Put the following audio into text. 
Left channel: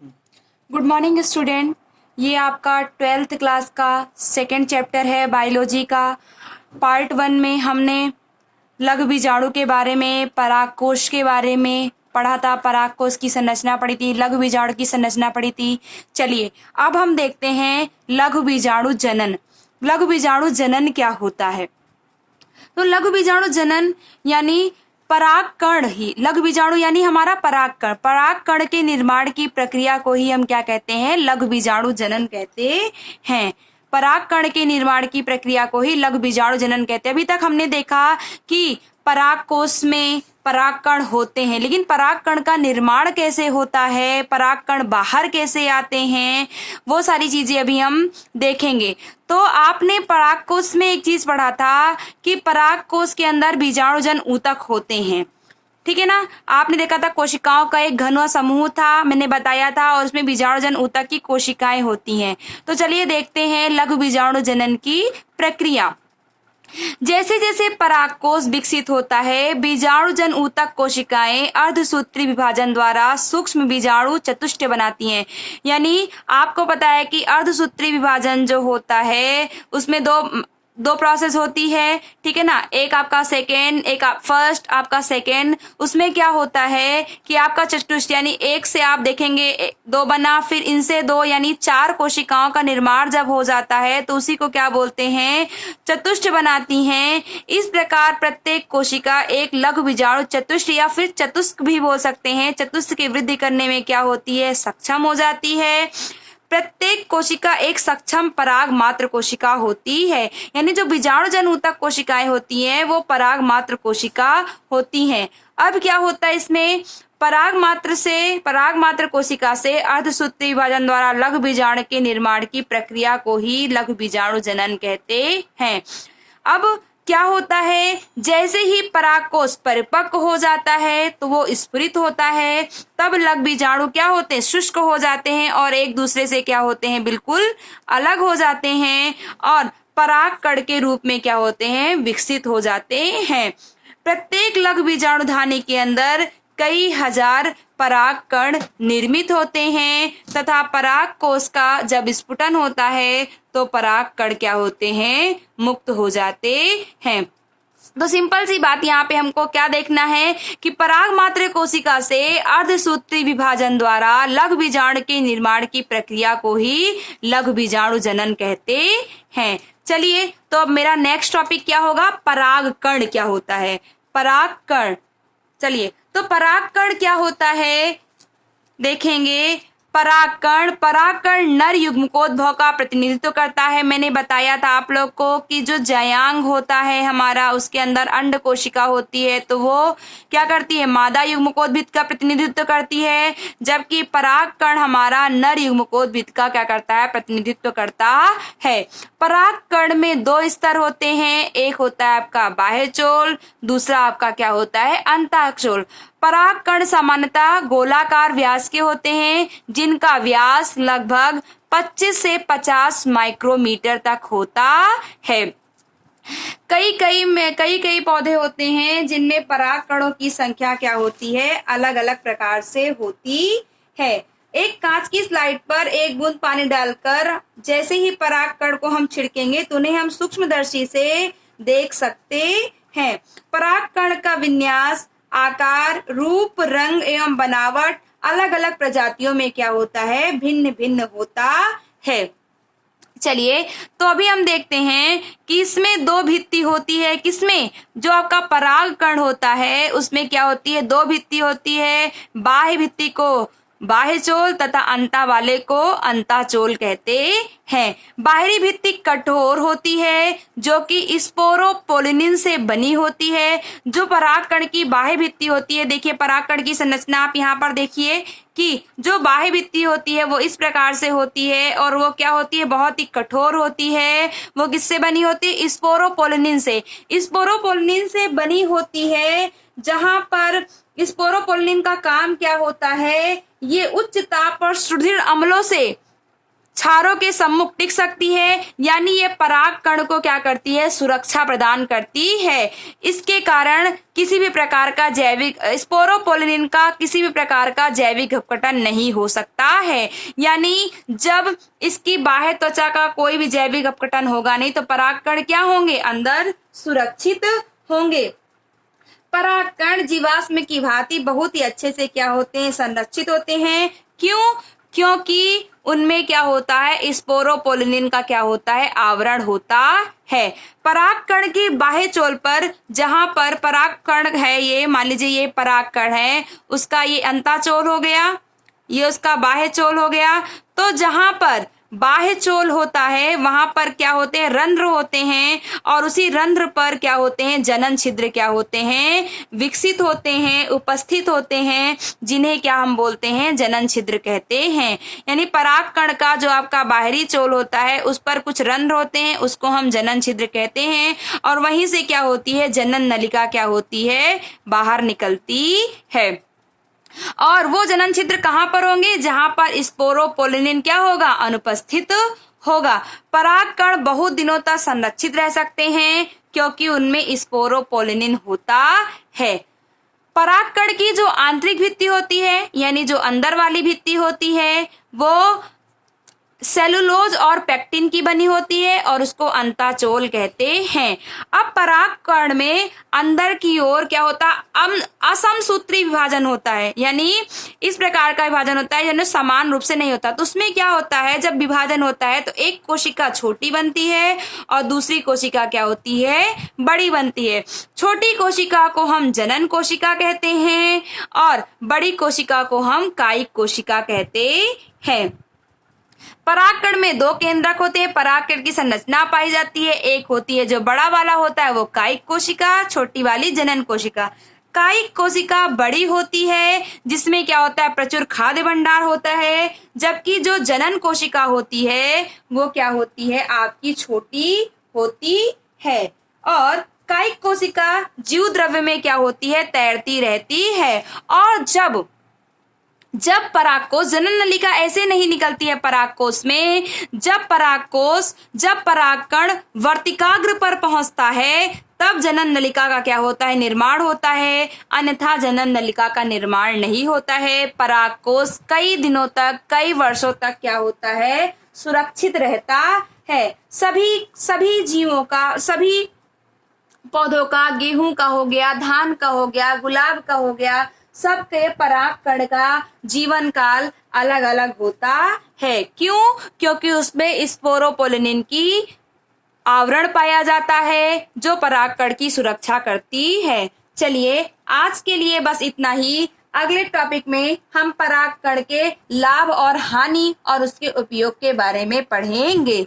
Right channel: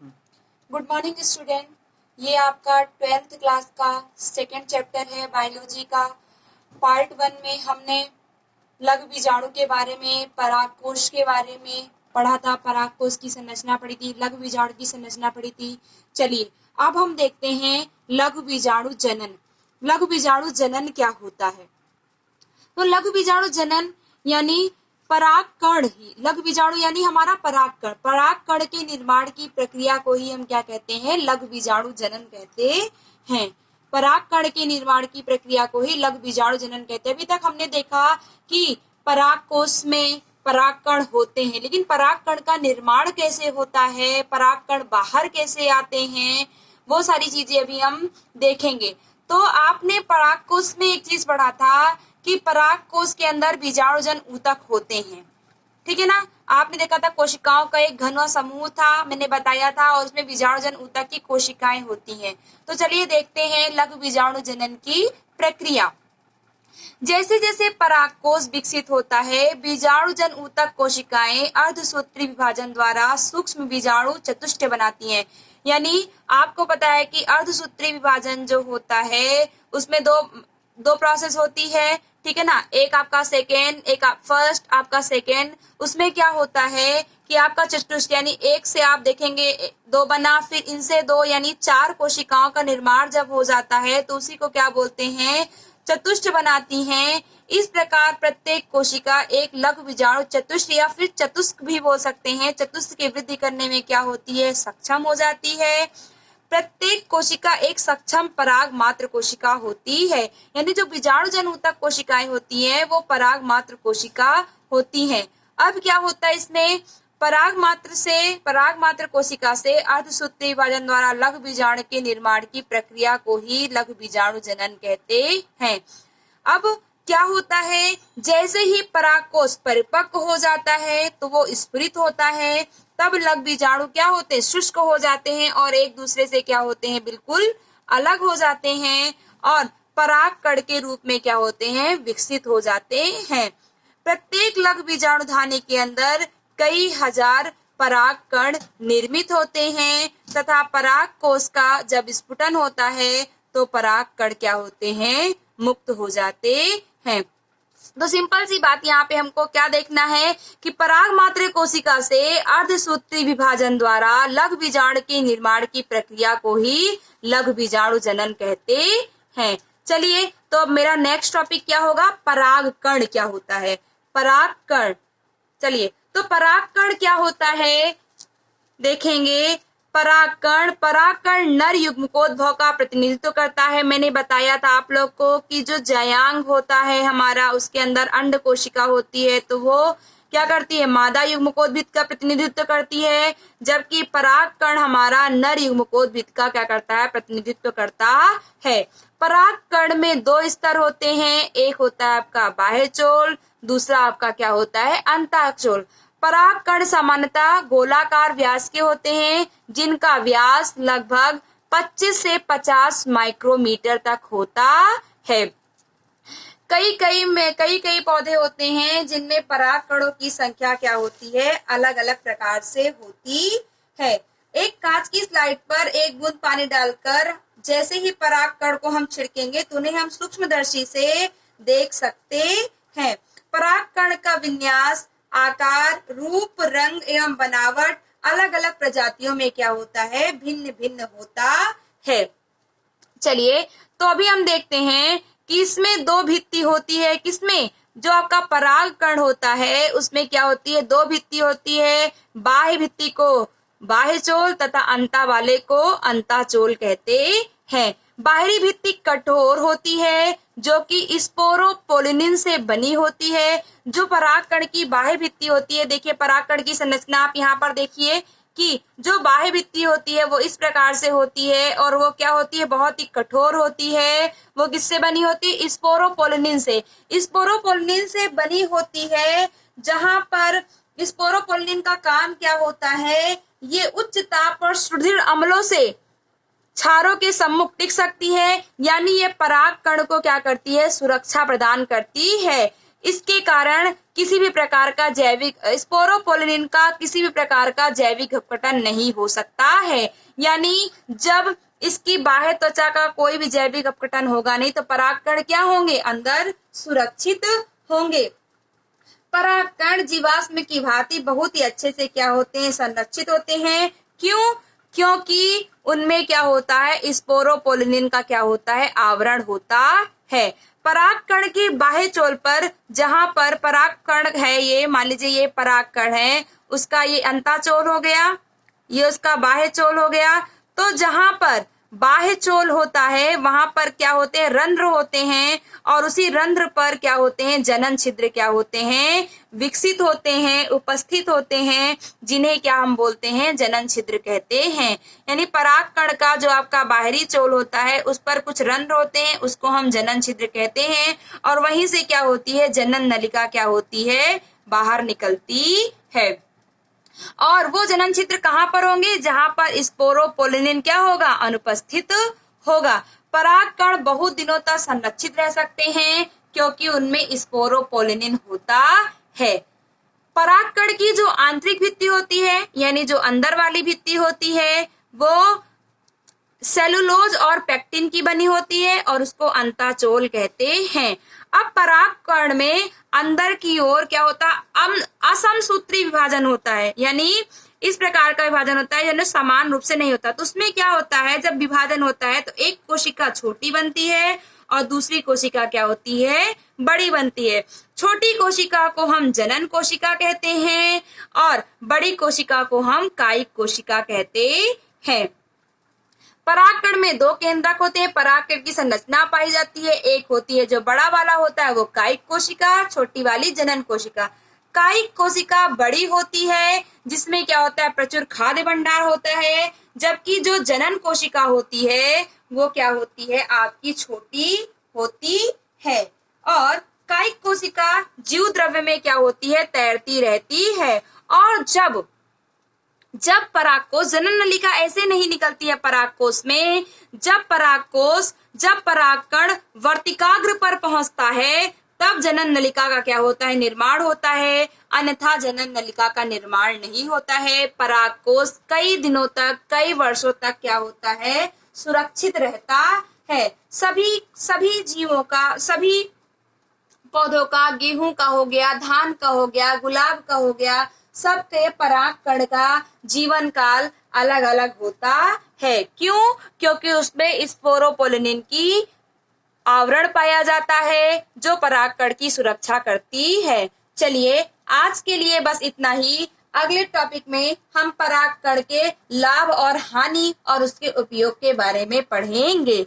Good morning student. ये आपका 12th class का सेकेंड चैप्टर है बायोलॉजी का। पार्ट 1 में हमने लघु बीजाणु के बारे में, परागकोश के बारे में पढ़ा था। परागकोश की संरचना पढ़ी थी, लघु बीजाणु की संरचना पढ़ी थी। चलिए अब हम देखते हैं लघु बीजाणु जनन। लघु बीजाणु जनन क्या होता है? तो लघु बीजाणु जनन यानी परागकण ही, लघु बीजाणु यानी हमारा परागकण, परागकण के निर्माण की प्रक्रिया को ही हम क्या कहते हैं? लघु बीजाणु जनन कहते हैं। परागकण के निर्माण की प्रक्रिया को ही लघु बीजाणु जनन कहते हैं। अभी तक हमने देखा कि परागकोश में परागकण होते हैं, लेकिन परागकण का निर्माण कैसे होता है, परागकण बाहर कैसे आते हैं, वो सारी चीजें अभी हम देखेंगे। तो आपने परागकोश में एक चीज पढ़ा था कि परागकोश के अंदर बीजाणुजन ऊतक होते हैं, ठीक है ना। आपने देखा था कोशिकाओं का एक घन समूह था, मैंने बताया था, और उसमें बीजाणुजन ऊतक की कोशिकाएं होती हैं। तो चलिए देखते हैं लघु बीजाणु जनन की प्रक्रिया। जैसे जैसे परागकोश विकसित होता है, बीजाणुजन ऊतक कोशिकाएं अर्धसूत्री विभाजन द्वारा सूक्ष्म बीजाणु चतुष्टय बनाती हैं। यानी आपको पता है कि अर्धसूत्री विभाजन जो होता है उसमें दो प्रोसेस होती है, ठीक है ना। एक आपका सेकेंड, एक फर्स्ट, आपका सेकेंड। उसमें क्या होता है कि आपका चतुष्ट यानी एक से आप देखेंगे दो बना, फिर इनसे दो यानी 4 कोशिकाओं का निर्माण जब हो जाता है तो उसी को क्या बोलते हैं? चतुष्ट बनाती हैं। इस प्रकार प्रत्येक कोशिका एक लघु बीजाणु चतुष्ट या फिर चतुस्क भी बोल सकते हैं, चतुस्क की वृद्धि करने में क्या होती है? सक्षम हो जाती है। प्रत्येक कोशिका एक सक्षम पराग मात्र कोशिका होती है। यानी जो बीजाणुजन ऊतक कोशिकाएं होती हैं वो पराग मात्र कोशिका होती हैं। अब क्या होता है इसमें? पराग मात्र कोशिका से अर्धसूत्री विभाजन द्वारा लघु बीजाणु के निर्माण की प्रक्रिया को ही लघु बीजाणु जनन कहते हैं। अब क्या होता है? जैसे ही परागकोश परिपक्व हो जाता है तो वो स्फुरित होता है, तब लघु बीजाणु क्या होते हैं? शुष्क हो जाते हैं और एक दूसरे से क्या होते हैं? बिल्कुल अलग हो जाते हैं और परागकण के रूप में क्या होते हैं? विकसित हो जाते हैं। प्रत्येक लघु बीजाणु धानी के अंदर कई हजार परागकण निर्मित होते हैं तथा परागकोश का जब स्फुटन होता है तो परागकण क्या होते हैं? मुक्त हो जाते हैं। तो सिंपल सी बात यहाँ पे हमको क्या देखना है कि पराग मात्र कोशिका से अर्धसूत्री विभाजन द्वारा लघु बीजाणु के निर्माण की प्रक्रिया को ही लघु बीजाणु जनन कहते हैं। चलिए तो अब मेरा नेक्स्ट टॉपिक क्या होगा? परागकण क्या होता है? परागकण। चलिए तो परागकण क्या होता है देखेंगे। परागकण नर युग्मकोद्भव का प्रतिनिधित्व करता है। मैंने बताया था आप लोग को कि जो जयांग होता है हमारा, उसके अंदर अंड कोशिका होती है तो वो क्या करती है? मादा युग्मकोद्भिद का प्रतिनिधित्व करती है, जबकि परागकण हमारा नर युग्मकोद्भिद का क्या करता है? प्रतिनिधित्व करता है। परागकण में 2 स्तर होते हैं, एक होता है आपका बाह्यचोल, दूसरा आपका क्या होता है? अंतःचोल। परागकण सामान्यतः गोलाकार व्यास के होते हैं, जिनका व्यास लगभग 25 से 50 माइक्रोमीटर तक होता है। कई पौधे होते हैं जिनमें परागकणों की संख्या क्या होती है? अलग अलग प्रकार से होती है। एक कांच की स्लाइड पर एक बूंद पानी डालकर जैसे ही परागकण को हम छिड़केंगे तो उन्हें हम सूक्ष्मदर्शी से देख सकते हैं। परागकण का विन्यास, आकार, रूप, रंग एवं बनावट अलग अलग प्रजातियों में क्या होता है? भिन्न भिन्न होता है। चलिए तो अभी हम देखते हैं कि इसमें 2 भित्ति होती है। किसमें? जो आपका परागकण होता है उसमें क्या होती है? 2 भित्ति होती है। बाह्य भित्ति को बाह्यचोल तथा अंता वाले को अंताचोल कहते हैं। बाहरी भित्ति कठोर होती है जो कि स्पोरोपोलिनिन से बनी होती है। जो परागकण की बाह्य भित्ति होती है, देखिए परागकण की संरचना आप यहाँ पर देखिए कि जो बाह्य भित्ति होती है वो इस प्रकार से होती है और वो क्या होती है? बहुत ही कठोर होती है। वो किससे बनी होती है? स्पोरोपोलिनिन से। स्पोरोपोलिनिन से बनी होती है, जहां पर स्पोरोपोलिनिन का काम क्या होता है? ये उच्च ताप और सुदृढ़ अम्लों से क्षारों के सम्मुख टिक सकती है, यानी ये परागकण को क्या करती है, सुरक्षा प्रदान करती है। इसके कारण किसी भी प्रकार का जैविक स्पोरोपोलिन का किसी भी प्रकार का जैविक अपघटन नहीं हो सकता है। यानी जब इसकी बाह्य त्वचा का कोई भी जैविक अपघटन होगा नहीं तो परागकण क्या होंगे, अंदर सुरक्षित होंगे। परागकण जीवाश्म की भांति बहुत ही अच्छे से क्या होते हैं, संरक्षित होते हैं। क्यों? क्योंकि उनमें क्या होता है, स्पोरोपोलिन का क्या होता है, आवरण होता है। परागकण की बाह्य चोल पर, जहां पर परागकण है, ये मान लीजिए ये परागकण है, उसका ये अंताचोल हो गया, ये उसका बाह्य चोल हो गया। तो जहां पर बाह्य चोल होता है वहां पर क्या होते हैं, रंध्र होते हैं, और उसी रंध्र पर क्या होते हैं, जनन छिद्र क्या होते हैं, विकसित होते हैं, उपस्थित होते हैं, जिन्हें क्या हम बोलते हैं, जनन छिद्र कहते हैं। यानी परागकण का जो आपका बाहरी चोल होता है उस पर कुछ रंध्र होते हैं, उसको हम जनन छिद्र कहते हैं, और वहीं से क्या होती है, जनन नलिका क्या होती है, बाहर निकलती है। और वो जनन छिद्र कहाँ पर होंगे, जहां पर स्पोरोपोलिन क्या होगा, अनुपस्थित होगा। परागकण बहुत दिनों तक संरक्षित रह सकते हैं क्योंकि उनमें स्पोरोपोलिन होता है। परागकण की जो आंतरिक भित्ति होती है, यानी जो अंदर वाली भित्ति होती है, वो सेलुलोज और पेक्टिन की बनी होती है और उसको अंताचोल कहते हैं। अब परागकण में अंदर की ओर क्या होता है, असमसूत्री विभाजन होता है, यानी इस प्रकार का विभाजन होता है, यानी समान रूप से नहीं होता। तो उसमें क्या होता है, जब विभाजन होता है तो एक कोशिका छोटी बनती है और दूसरी कोशिका क्या होती है, बड़ी बनती है। छोटी कोशिका को हम जनन कोशिका कहते हैं और बड़ी कोशिका को हम कायिक कोशिका कहते हैं। परागकण में दो केंद्रक होते हैं, परागकण की संरचना पाई जाती है। एक होती है जो बड़ा वाला होता है वो कायिक कोशिका, छोटी वाली जनन कोशिका। कायिक कोशिका बड़ी होती है जिसमें क्या होता है, प्रचुर खाद्य भंडार होता है, जबकि जो जनन कोशिका होती है वो क्या होती है, आपकी छोटी होती है। और कायिक कोशिका जीव द्रव्य में क्या होती है, तैरती रहती है। और जब परागकोश, जनन नलिका ऐसे नहीं निकलती है परागकोश में, जब परागकण वर्तिकाग्र पर पहुंचता है तब जनन नलिका का क्या होता है, निर्माण होता है, अन्यथा जनन नलिका का निर्माण नहीं होता है। परागकोश कई दिनों तक, कई वर्षों तक क्या होता है, सुरक्षित रहता है। सभी जीवों का, सभी पौधों का, गेहूं का हो गया, धान का हो गया, गुलाब का हो गया, सबके परागकण का जीवन काल अलग अलग होता है। क्यों? क्योंकि उसमें स्पोरोपोलिन की आवरण पाया जाता है जो परागकण की सुरक्षा करती है। चलिए आज के लिए बस इतना ही। अगले टॉपिक में हम परागकण के लाभ और हानि और उसके उपयोग के बारे में पढ़ेंगे।